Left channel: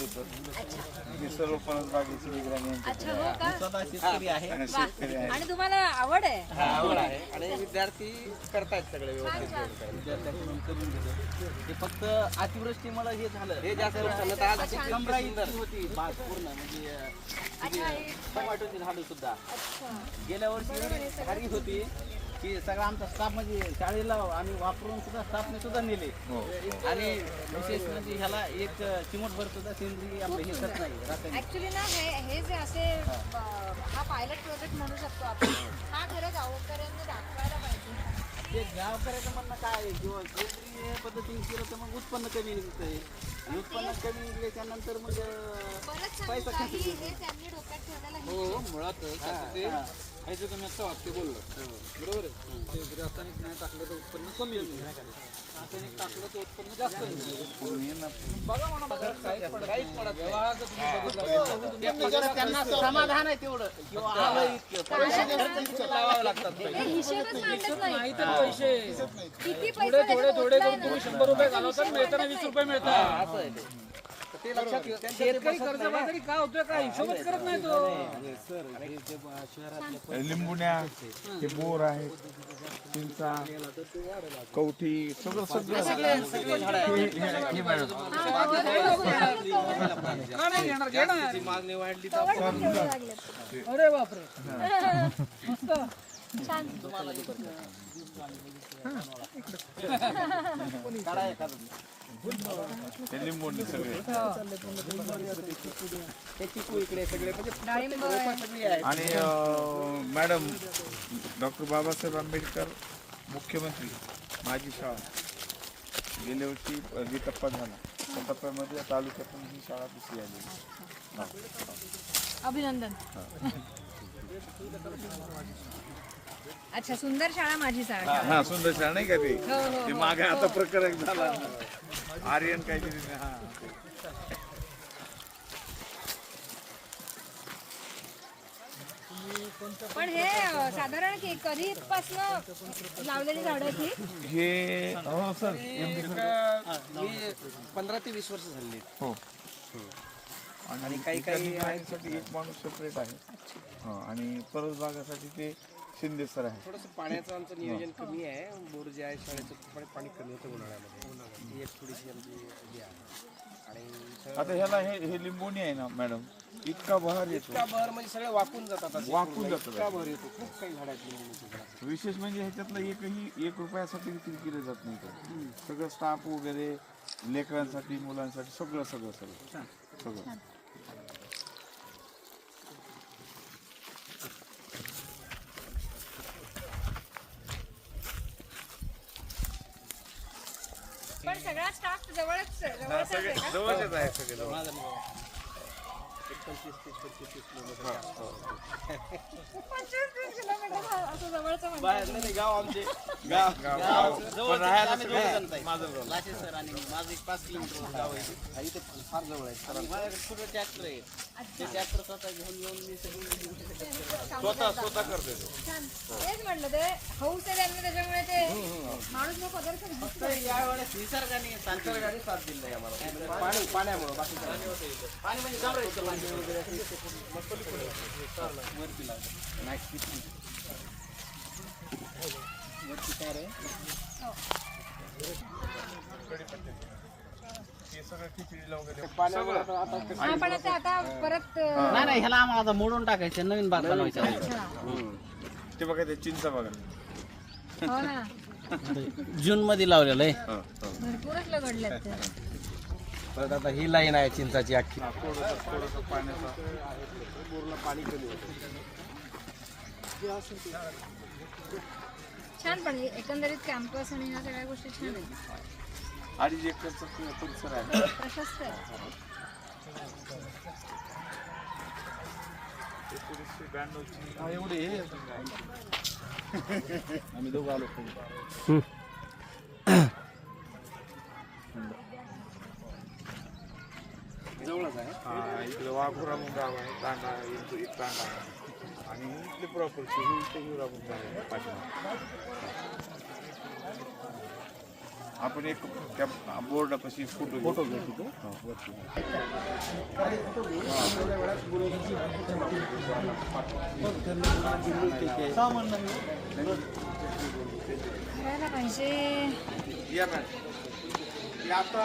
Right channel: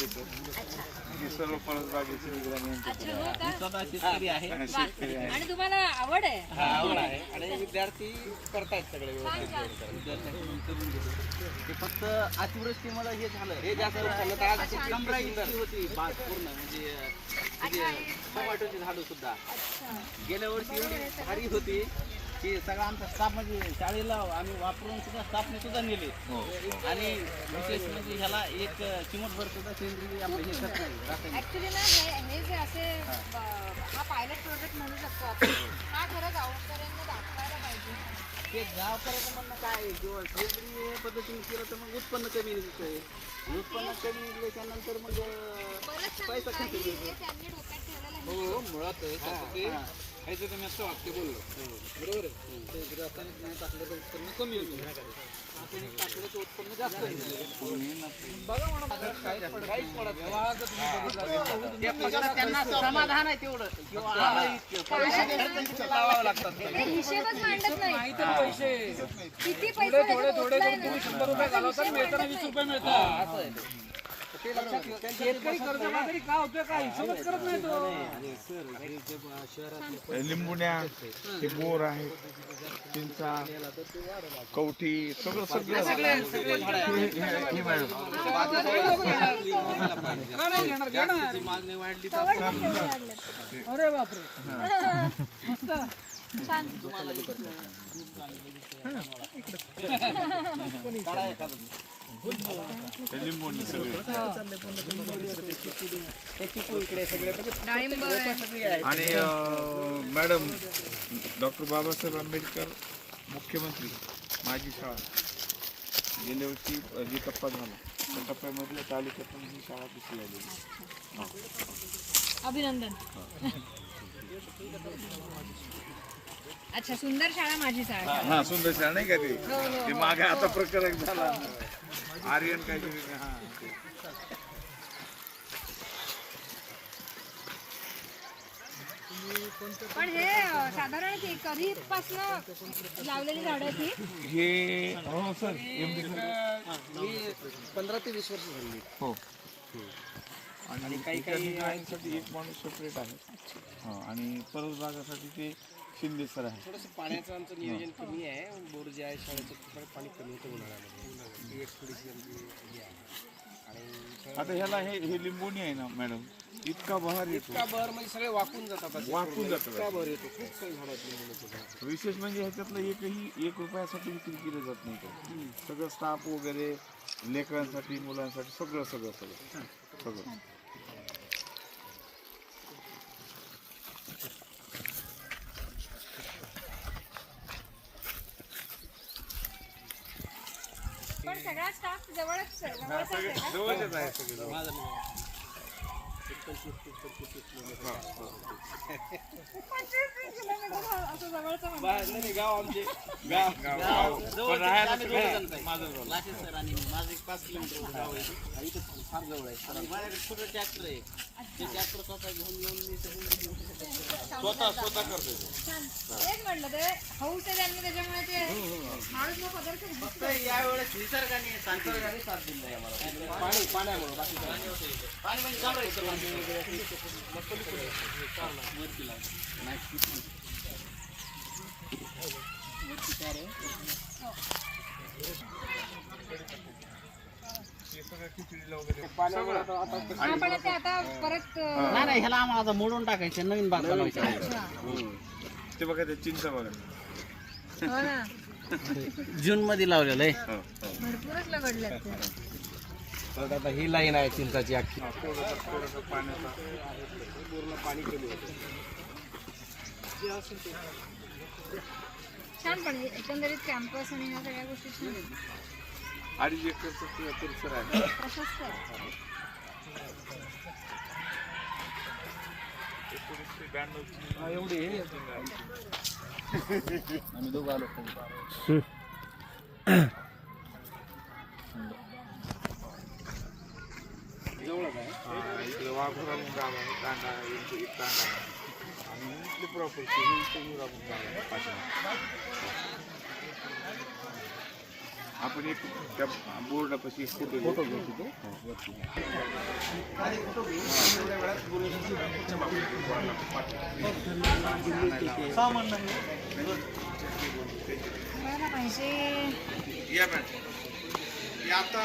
खांडेकर. ही सर्व परसबागेची निगराणी अच्छा हो का? स्वतः शेतकरी आहे. शेतकरी आहे. आणि तुम्हाला आवड आहे? आवड आहे आणि विद्यार्थी करतायत सगळे व्यवस्थित. विद्यार्थ्यांकडून करून घेतो. ते फक्त अतिवृष्टीमुळे हे झालं. हे जास्त झालं तर आज सुंदर होती बाग पूर्ण म्हणजे टोमॅटोची झाडं सुद्धा. गेल्या वर्षी भारी होती की सगळा आमचा स्टाफ म्हणजे शाळेला आम्ही वापरून सुद्धा स्टाफने सुद्धा नेले. आणि विशेष म्हणजे ह्याला एक चिमटभर सुद्धा सेंद्रिय आपलं हे करत नाही. ऍक्च्युली ना हे जे असे हा पायलट प्रोजेक्ट म्हणू शकतो आपण, हा खरं गावकऱ्यांना दाखवायला पाहिजे. ते गावकऱ्याचं म्हणणं काय आहे, किंवा सेंद्रिय पद्धतीने केलं तर मग उत्पन्न कमी निघतंय. उत्पन्न कमी निघल्याच्या मग पैसा खर्च हे त्यांनी डोक्यात ठेवलेलं आहे. हो मुळात खायचं तुम्ही असं वाक्य बोललं बरोबर आहे. सेंद्रिय रासायनिक नाही टाकलं तर उत्पन्न कमी होईल, रासायनिक टाकलं तर उत्पन्न जास्त त्यांना समाधान आहे तेवढं लागतात. ते हिशेबच मांडत नाही. पैसे किती पैसे थोडे थोडे 100 रुपये घालवतात, मिळताना 20 रुपये मिळतात. असं आहे ते लक्षात ठेवा. शेतकरी कर्जबाजारी का होतोय, काय हिशोबच करत नाही तो. लिंबुण्या, हे बोर आहेत, चिंचा, कवठी, सगळं सगळे झाड मागणी वाढली अरे बापरे, मस्त. लिंबुणे सगळे. आणि मॅडम डॉक्टर बाबासाहेब आंबेडकर मुख्यमंत्री माझी शाळा गेल्या वर्षी जी टप्पा झाला त्या टप्प्यामध्ये तालुक्यातून ही शाळा दुसरी आलेली. अभिनंदन. अच्छा, सुंदर शाळा माझी शाळा. हा सुंदर शाळा नाही का ते मागे आता प्रकरण झाला आर्यन काहीतरी. हा पण हे साधारण कधीपासून लावलेली झाडं ही? हे हो सर मी 15 ते 20 वर्ष झाली. हो आणि काही साठी एक माणूस सेपरेट आहे आणि परसबागासाठी ते शिंदे सर आहे. थोडंसं पाण्याचं आमचं नियोजन कमी आहे. बोर जे आहे शाळेचं पाणी कमी होतं उन्हाळ्यामध्ये. ही एक थोडीशी आमची हे आहे. आणि आता ह्याला हे लिंबोणी आहे ना मॅडम, इतका बहार येतो, इतका बहर म्हणजे सगळे वाकून जातात. वाकून जातो. इतका बहर येतो. खूप काही झाड आहेत लिंबूचे. विशेष म्हणजे ह्याच्यातलं एकही 1 रुपयासाठी विक्री केलं जात नाही का. सगळं स्टाफ वगैरे लेकरांसाठी मुलांसाठी सगळं सगळं सगळं सगळं. पण सगळा स्टाफ जवळच आहे का? जवळच आहे सगळे. 25-30 किलोमीटर. 25-30 किलोमीटर असं जवळचं म्हणजे. बाहेर नाही गाव आमचे गाव पण राहायला सगळं माझं लाशे सर आणि माझं 5 किलोमीटर गाव आहे. इथे फार जवळ आहे. तर माझ्याकडे छोटं ट्रॅक्टर आहे. ते ट्रॅक्टर स्वतः घेऊन येऊन मी स्वतः करते. तेच म्हटलं, ते हौस आहे त्यांना, त्याच्यामुळे ते माणूस लोक पदार्थ फक्त यावेळेस निसर्गाने साथ दिली नाही आम्हाला. पाण्यामुळे बाकी पाणी म्हणजे झाड आहे. आपण ते आता परत नाही ह्याला आम्हाला आता मोडून टाकायचं, नवीन बाग बनवायचं. ते बघा ते चिंचा बघा. हो ना, जून मध्ये लावलेलं आहे. भरपूरच लगडल्यात ते. परत आता ही लाईन आहे चिंचाची अख्खी. पाणी कमी होतं. छान. पण एकंदरीत कॅम्पस आणि ह्या सगळ्या गोष्टी छान आहेत. 2.5 एकरचा परिसर आहे. प्रशस्त आहे. 1992 एवढे आम्ही दोघं आलो. जवळच आहे. इकडे वाघोरा म्हणून गाव आहे, तांडा आहे, एक तांडा आहे आणि इथले प्रॉपर्टी ही इथे हिरापूर गाव आहे पाठीमागे. आपण एक त्या बोर्डापाशी फोटो घेऊ. तेवढ्या वेळात बोलून द्यायला पाहिजे. या मॅडम आता